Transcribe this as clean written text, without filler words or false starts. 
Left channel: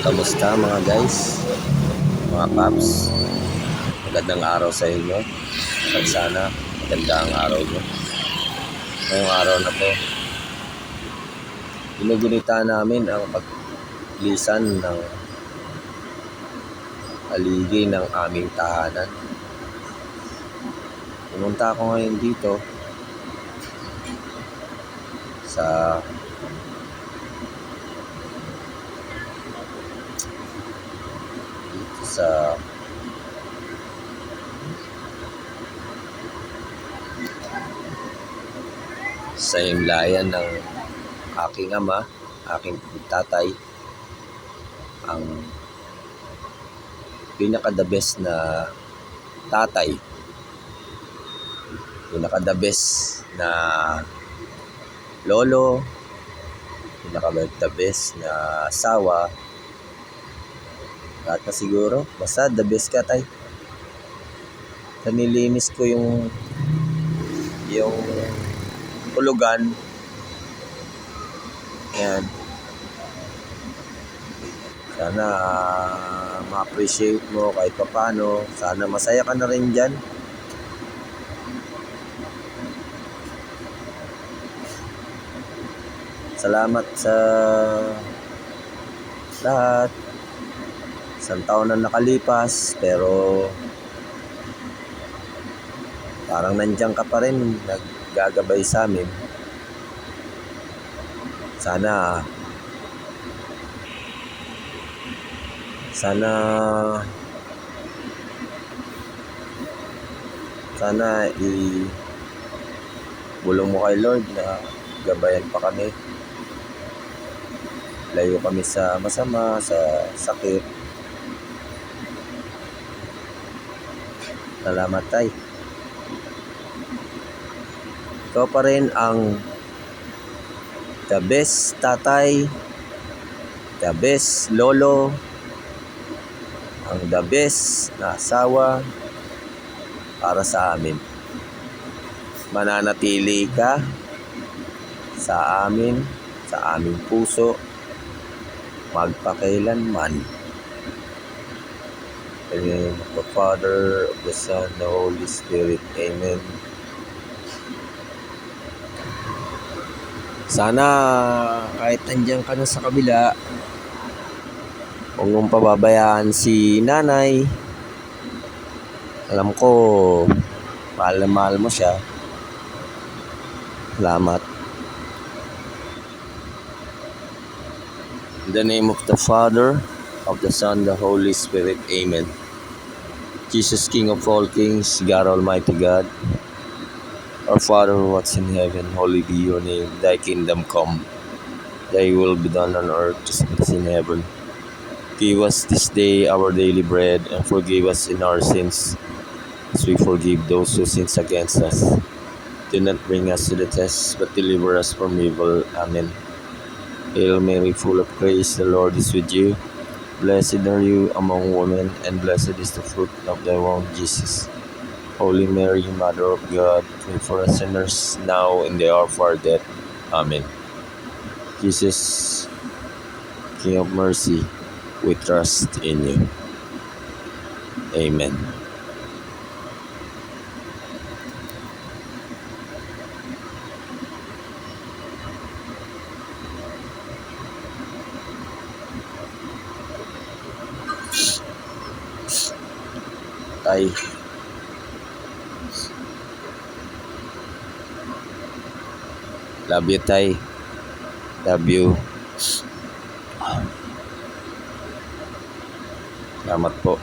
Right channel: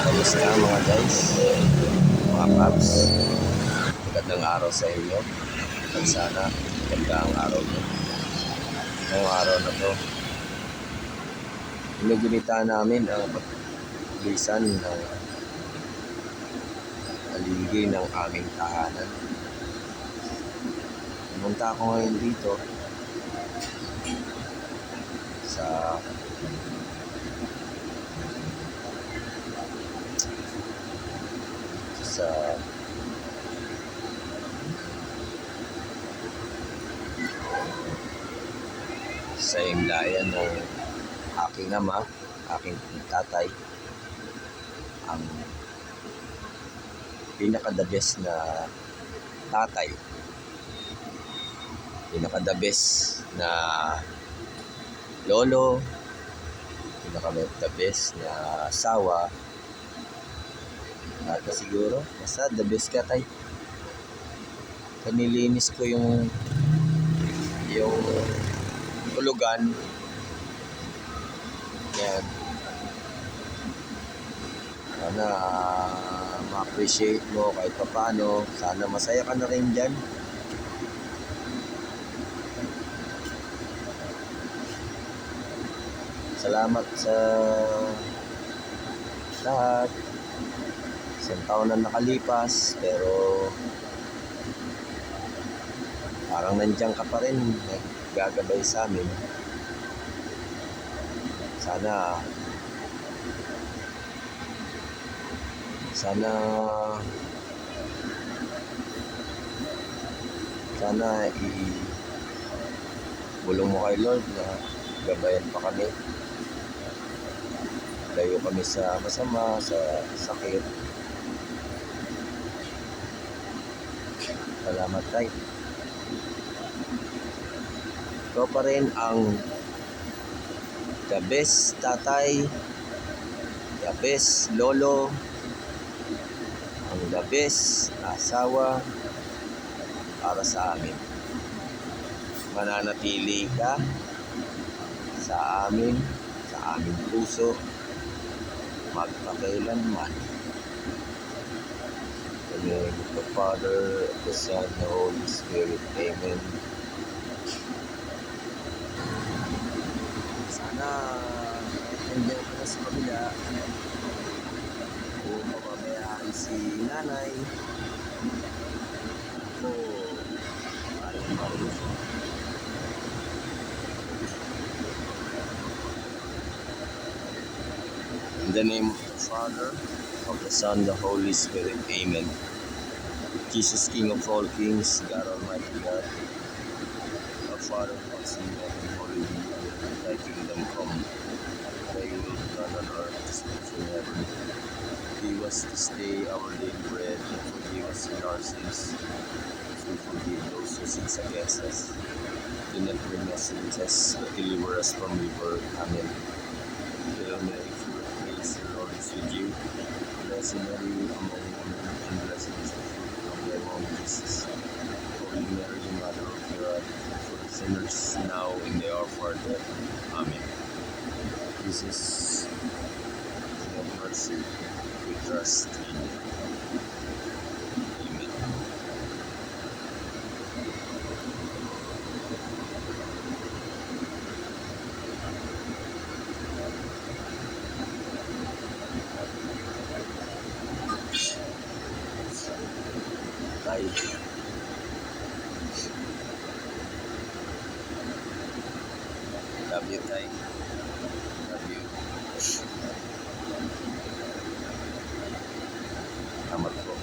Kamusta mga guys, mga paps? Magandang araw sa inyo. At sana maganda ang araw nyo. Ngayong araw na to, ginugunita namin ang paglisan ng aligi ng aming tahanan. Pumunta ako ngayon dito sa himlayan ng aking ama, aking tatay, ang pinaka-the best na tatay, pinaka-the best na lolo, pinaka-the best na asawa, at siguro, basta the best ka, tay. Nilinis ko yung hulugan. Yan. Sana ma-appreciate mo kahit paano. Sana masaya ka na rin dyan. Salamat sa lahat. Isang taon na nakalipas, pero parang nandiyan ka pa rin, naggagabay sa amin. Sana bulong mo kay Lord na gabayan pa kami. Layo kami sa masama, sa sakit. Salamat, tay. Ikaw pa rin ang the best tatay, the best lolo, ang the best na asawa para sa amin. Mananatili ka sa amin, sa aming puso, magpakailanman. In the name of the Father, of the Son, the Holy Spirit. Amen. Sana kahit nandiyan ka na sa kabila, huwag mong pababayaan si nanay. Alam ko, mahal na mahal mo siya. Salamat. In the name of the Father, of the Son, the Holy Spirit. Amen. Jesus, King of all kings, God Almighty God, our Father who art in heaven, holy be your name. Thy kingdom come. Thy will be done on earth as it is in heaven. Give us this day our daily bread, and forgive us in our sins, as we forgive those who sin against us. Do not bring us to the test, but deliver us from evil. Amen. Hail Mary, full of grace, the Lord is with you. Blessed are you among women, and blessed is the fruit of thy womb, Jesus. Holy Mary, Mother of God, pray for us sinners, now and the hour of our death. Amen. Jesus, King of mercy, we trust in you. Amen. Tay. Love you, tay. Love you. Salamat po.